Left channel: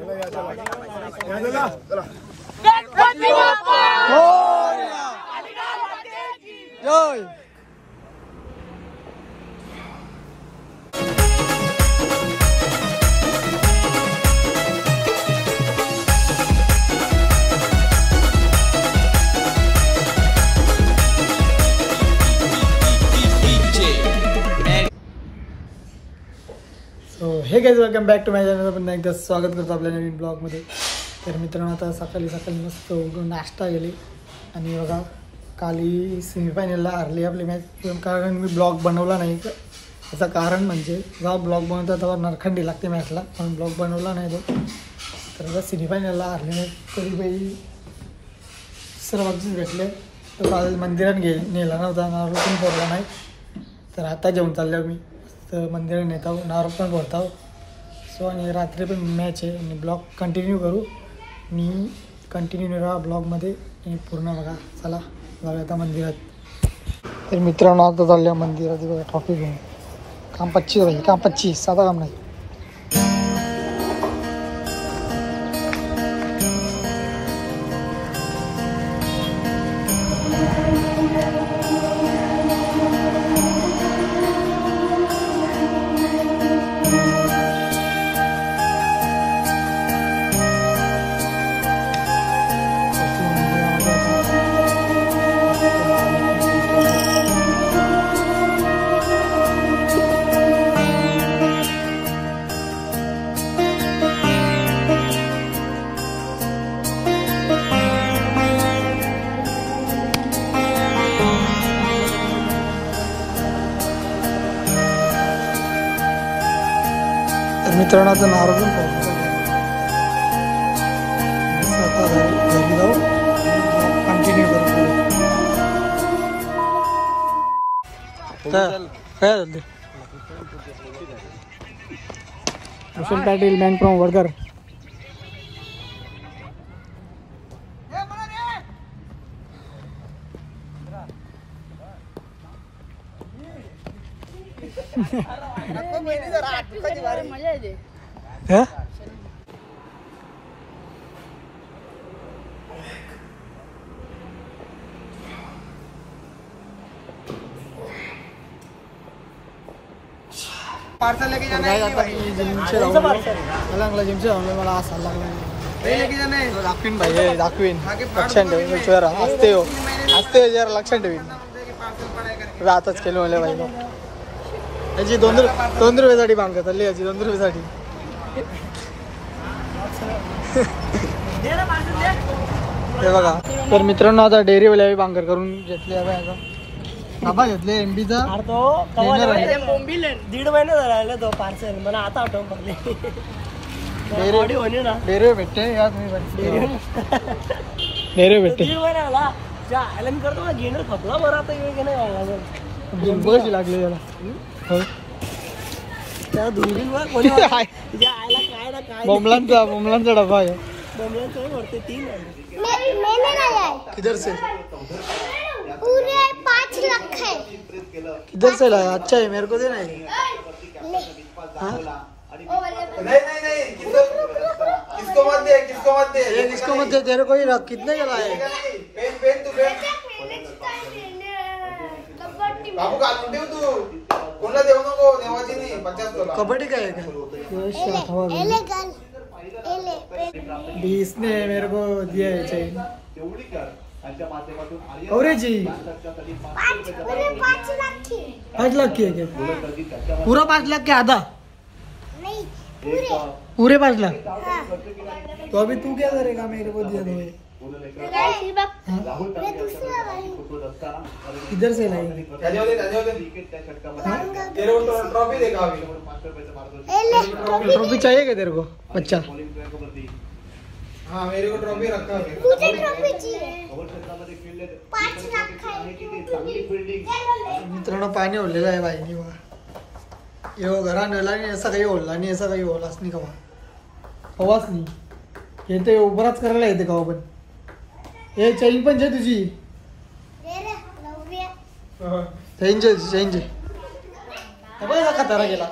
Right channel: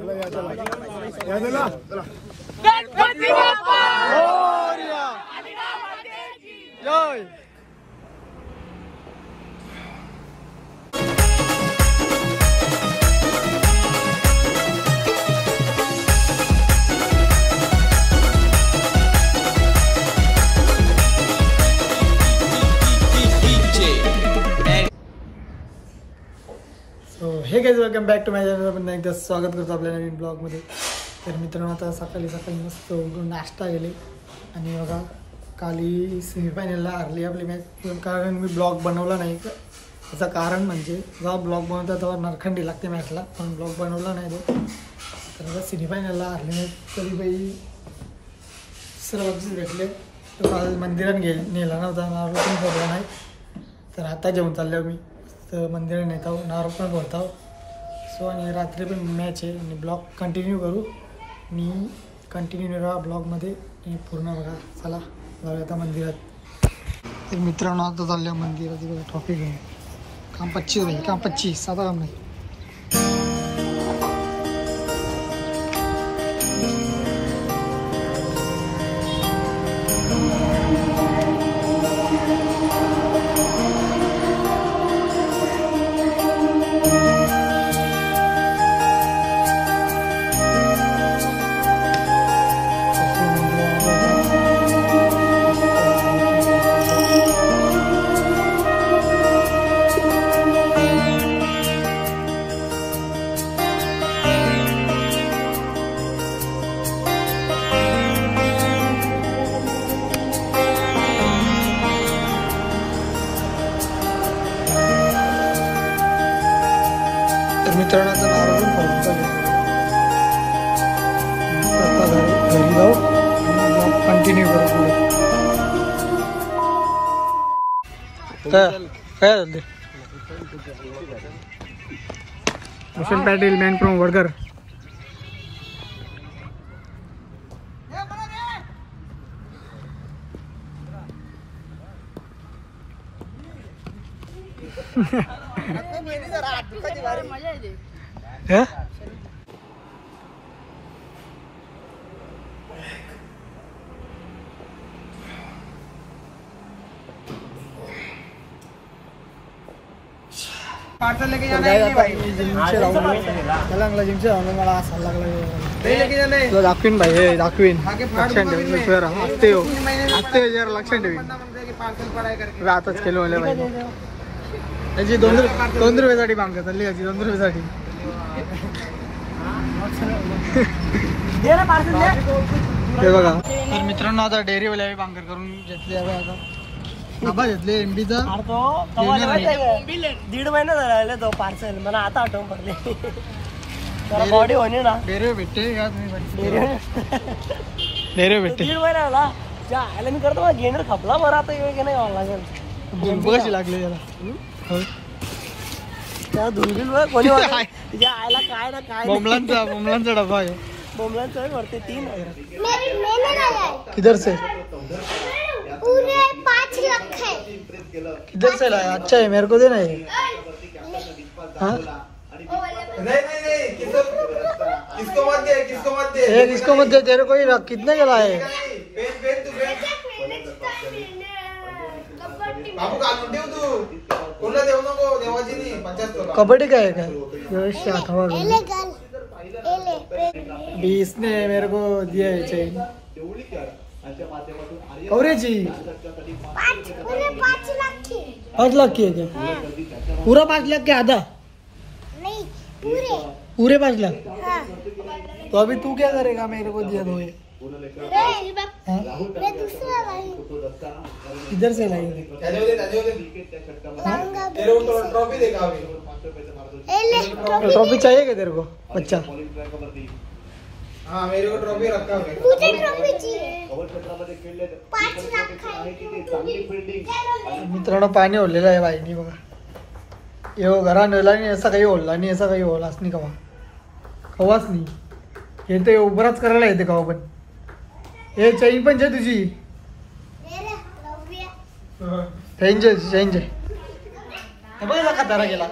Jai. Hey guys welcome back to my channel. पुन्हा एकदा स्वागत करतो आपल्या नवीन ब्लॉगमध्ये. तर मित्रांनो आता सकाळी मस्त उठून नाश्ता गेले आणि बघा काली सेमीफायनलला हारली आपली मॅच. कारण मी ब्लॉग बनवला नाही. त्याचं कारण म्हणजे जेव्हा ब्लॉग बनवता तेव्हा नरखंडी लागते मॅचला, म्हणून ब्लॉग बनवला नाही बघ. तर आता सेमीफायनलला हारली मॅच तरी बाई सर्वांचीच भेटले. तर काल मंदिरात नेला नव्हता, नारळ पण फोडला नाही. तर आता जेवण चाललो मी तर मंदिरात नेत आहो, नारळ पण फोडत आहो. सो आणि रात्री पण मॅच आहे आणि ब्लॉग कंटिन्यू करू. मी कंटिन्यू राहा ब्लॉगमध्ये आणि पूर्ण बघा. चला जाऊया आता मंदिरात. तर मित्रांनो आता चालल्या मंदिरात बघा कॉफी घेऊन. काम 25 होईल, काम 25, साधा काम नाही. मित्रांनो नारळ पण फोडतो. आता घरी जाऊ आणि ब्लॉग कंटिन्यू करू पुढे. काय झालं कुशल पाटील मॅन फ्रॉम वडकर. जिमचे राहून मला जिमचे राहून मला असायला लागला. दाखवीन भाई दाखवीन, लक्षात ठेवून असते हो असते जरा लक्षात ठेवीन. रातच केलं मला भाई. याची 2 रुपयासाठी मागत चालली, याची 2 रुपयासाठी. हे बघा तर मित्रांनो आता डेअरीवाल्या बांगर करून घेतले. बाबा घेतले एमबीचा 1.5 महिना झाला तो पार्सल. मला आता आठवण पडले. डेरे भेटते डेरे भेटते 1.5 महिना झाला. आयला मी करतो घेणार खपला बरं. आता लागेल कशी लागले त्याला त्या दुर्बीन कोणी आयला काय ना काय. बोमलांचा डबा आहे. बोमलांचा वरते 3 किधर से पूरे 5 लाख है. किधर से लाया? अच्छा है, मेरे को देना है. हाँ नहीं किसको मत दे, किसको मत दे. किसको मत दे, तेरे को ही रख. कितने का लाए? कबड्डी का है क्या? इसने मेरे को दिया है चेन. कवरेजी 5 लाख की है क्या? पूरा 5 लाख के आधा? नहीं पूरे 5 लाख. हाँ. तो अभी तू क्या करेगा? मेरे को दिया 2 है. मैं दूसरा लाई. किधर से लाएंगे? ट्रॉफी चाहिए क्या तेरे को बच्चा? हाँ मेरे को ट्रॉफी रखा है. मुझे ट्रॉफी चाहिए. 5 लाख है. मित्रांनो पाणी ओढलेलं आहे बाईनी बघा. यो घरा नेला नाही असा काही ओढला नाही, असा काही ओढलाच नाही कवा. कवाच नाही. हे तर उभराच करायला येते कवा पण. हे चैन पण आहे तुझी. चेंज बघा कसा खतारा गेला.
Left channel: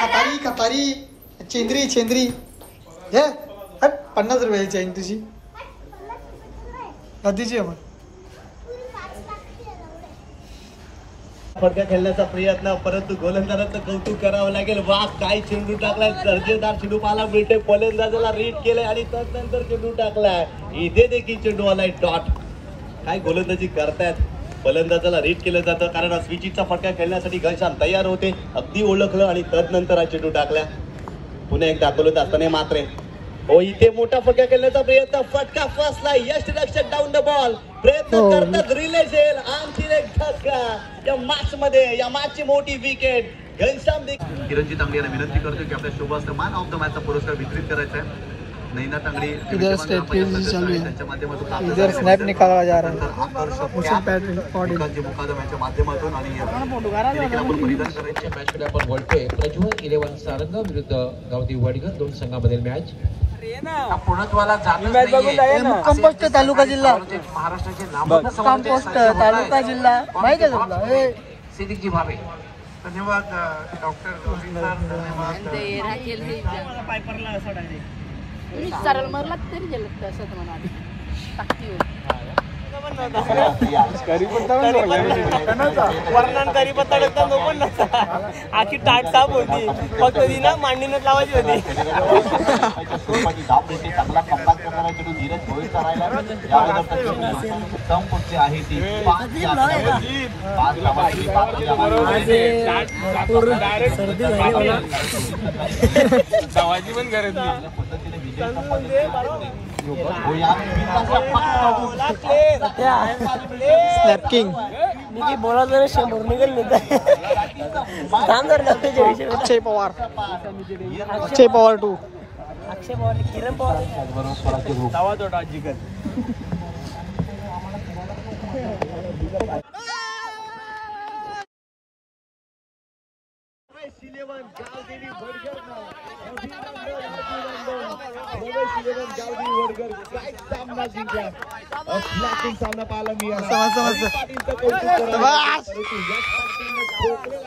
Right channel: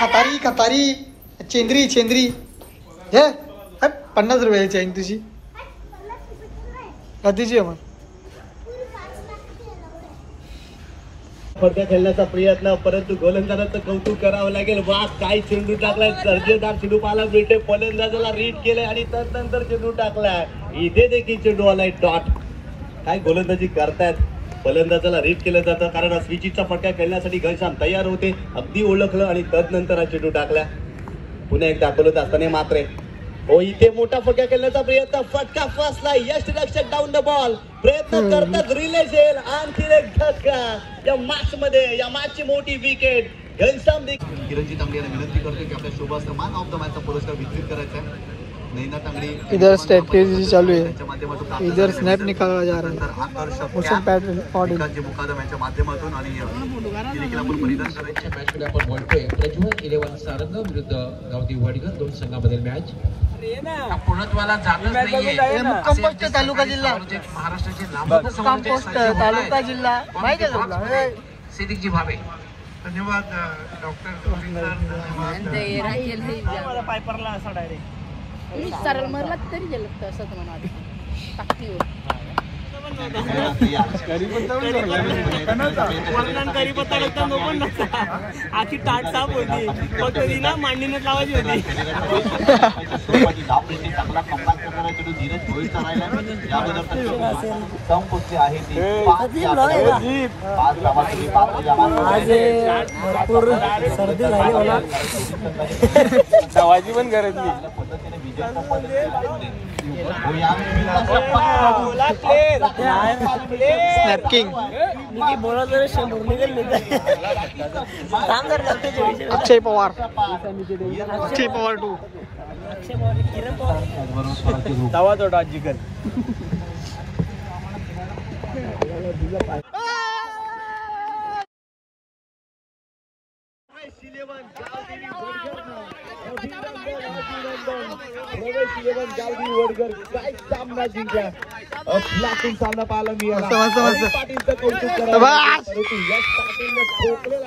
खतारी चेंद्री हे 50 रुपयाची चेन तुझी कधीची आहे मग? फडका खेळण्याचा प्रयत्न, परंतु गोलंदाजाचं कौतुक करावं लागेल. वा काय चेंडू टाकलाय, दर्जेदार चेंडू पाहायला मिळते. फलंदाजाला रीड केलंय आणि त्यानंतर चेंडू टाकलाय. इथे देखील चेंडू आलाय डॉट. काय गोलंदाजी करतायत, फलंदाजाला रीड केलं जातं कारण स्विचिचा फटका खेळण्यासाठी घनश्याम तयार होते. अगदी ओळखलं आणि तदनंतर हा चेंडू टाकला. पुन्हा एक दाखवलं असताना मात्र हो इथे मोठा फटका खेळण्याचा प्रयत्न, फटका फसला. यश रक्षक डाऊन द बॉल प्रयत्न करतात, रिलेज येईल. आणखी एक फटका या मॅच मध्ये, या मॅचची मोठी विकेट. घनश्याम किरणजी तांबे यांना विनंती करतो की आपल्या शोभास्त्र मॅन ऑफ द मॅचचा पुरस्कार वितरित करायचा आहे. नैना तांगडी इधर स्ट्रैटेजी चालू है, इधर स्नैप निकाला जा रहा है मुकादम यांच्या माध्यमातून आणि आपण परिधान करायचे. मॅच मध्ये आपण बोलतोय प्रज्वल 11 सारंग विरुद्ध गावदी वडगर, दोन संघामधील मॅच. पूर्णत्वाला कंपोस्ट तालुका जिल्हा, महाराष्ट्राचे कंपोस्ट तालुका जिल्हा माहिती आहे तुला? सिद्दीकजी भावे. धन्यवाद वर्णनकारी पत्ता टाकता नको ना, आखी टाट साफ होती, फक्त ती ना मांडीनच लावायची होती. सर्दी झाली मला, दवाची पण गरज नाही. स्नॅपकिंग बोला 100 निघेल. अक्षय पवार 2. अक्षय पवार, किरण पवार, तवा जोडा जिकर. सामना पाहायला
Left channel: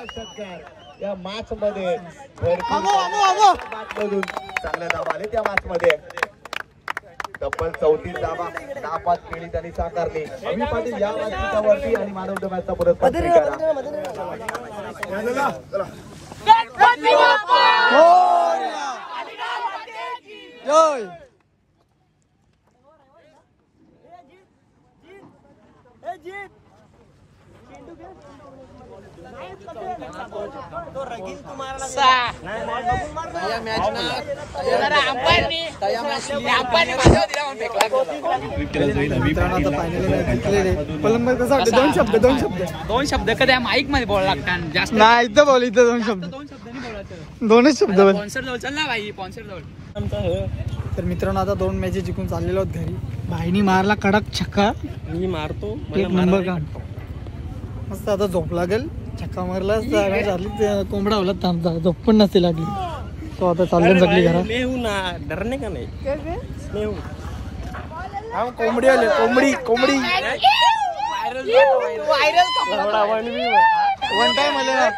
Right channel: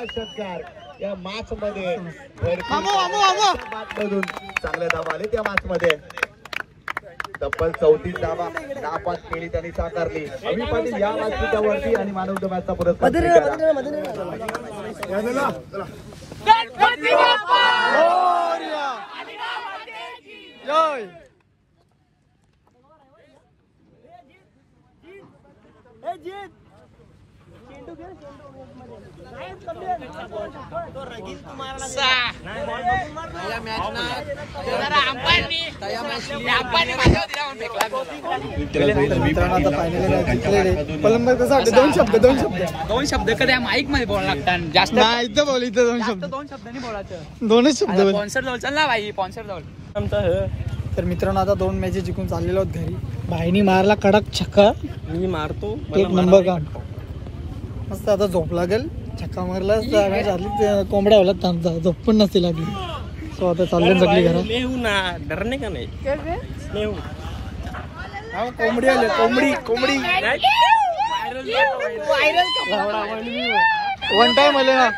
षटकार या मॅच मध्ये चांगले धावा आले त्या मॅच मध्ये. तब्बल 34 धावा नापास केली त्यांनी साकारली. अभि पाटील या व्यासपीठावरती आणि मानव द मॅचचा पुरस्कार जय. दोन शब्द कधी माईक मध्ये बोलायला लागतात, जास्त नाही. इथं बोल, इथं 2 शब्द, 2 शब्दांनी बोलायचं. 2च शब्द बोल. स्पॉन्सर जवळ चल ना भाई, स्पॉन्सर जवळ. तर मित्रांनो आता 2 मॅचेस जिंकून चाललेलो आहोत घरी. भाईनी मारला कडक छक्का, मी मारतो एक नंबर काम. मस्त आता झोप लागेल. छक्का मारला कोंबडा होला, थांबता झोप पण नसते लागली. सो आता चालले सगळी घरा. मेहू ना डरने का नाही मेहू. कोंबडी आले, कोंबडी वन टाइम आले ना.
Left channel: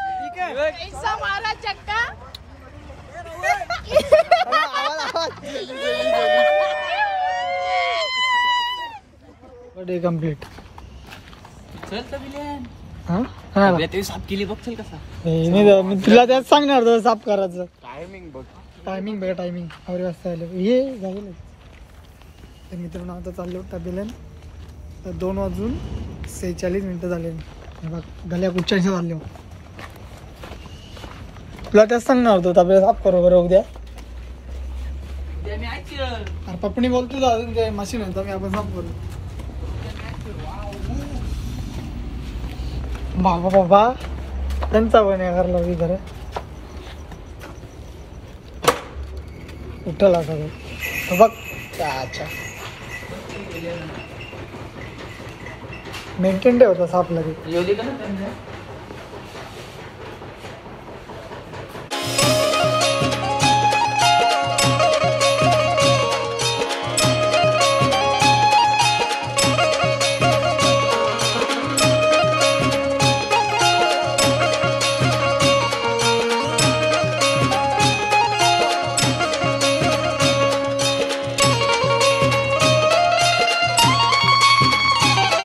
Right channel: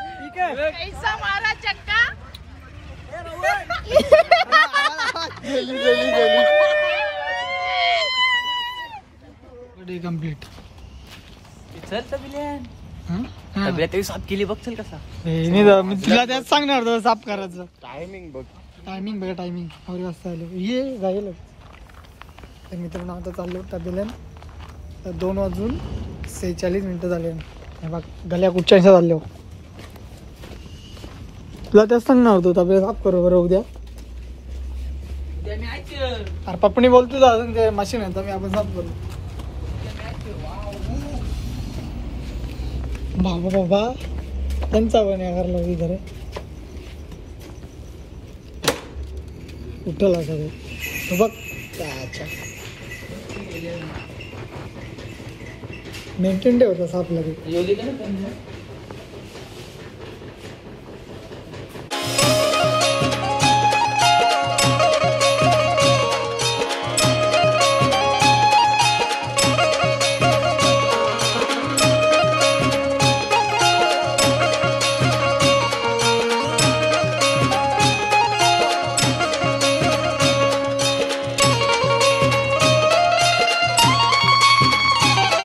कंप्लीट. चल तर बिलियन साफ केली बघ, चल कसा. मी तुला त्यात सांगणार होतो साफ करायचं. टायमिंग बघ, टायमिंग बघा, टायमिंग 8 वाजता आलं ये जाईल. तर मित्रांनो आता चाललो टबेलन. तर 2:46 झाले. बघ गल्या कुठच्या चाललो. तुला त्याच सांगणार होतो तबेला साफ करू बरं उद्या. अरे पप्पणी बोलतो अजून ते मशीन आहे मी आपण साफ करू. बाबा बाबा त्यांचा पण घरला घर उठला सगळं बघ. अच्छा मेंटेन ठेवता साफ लगे.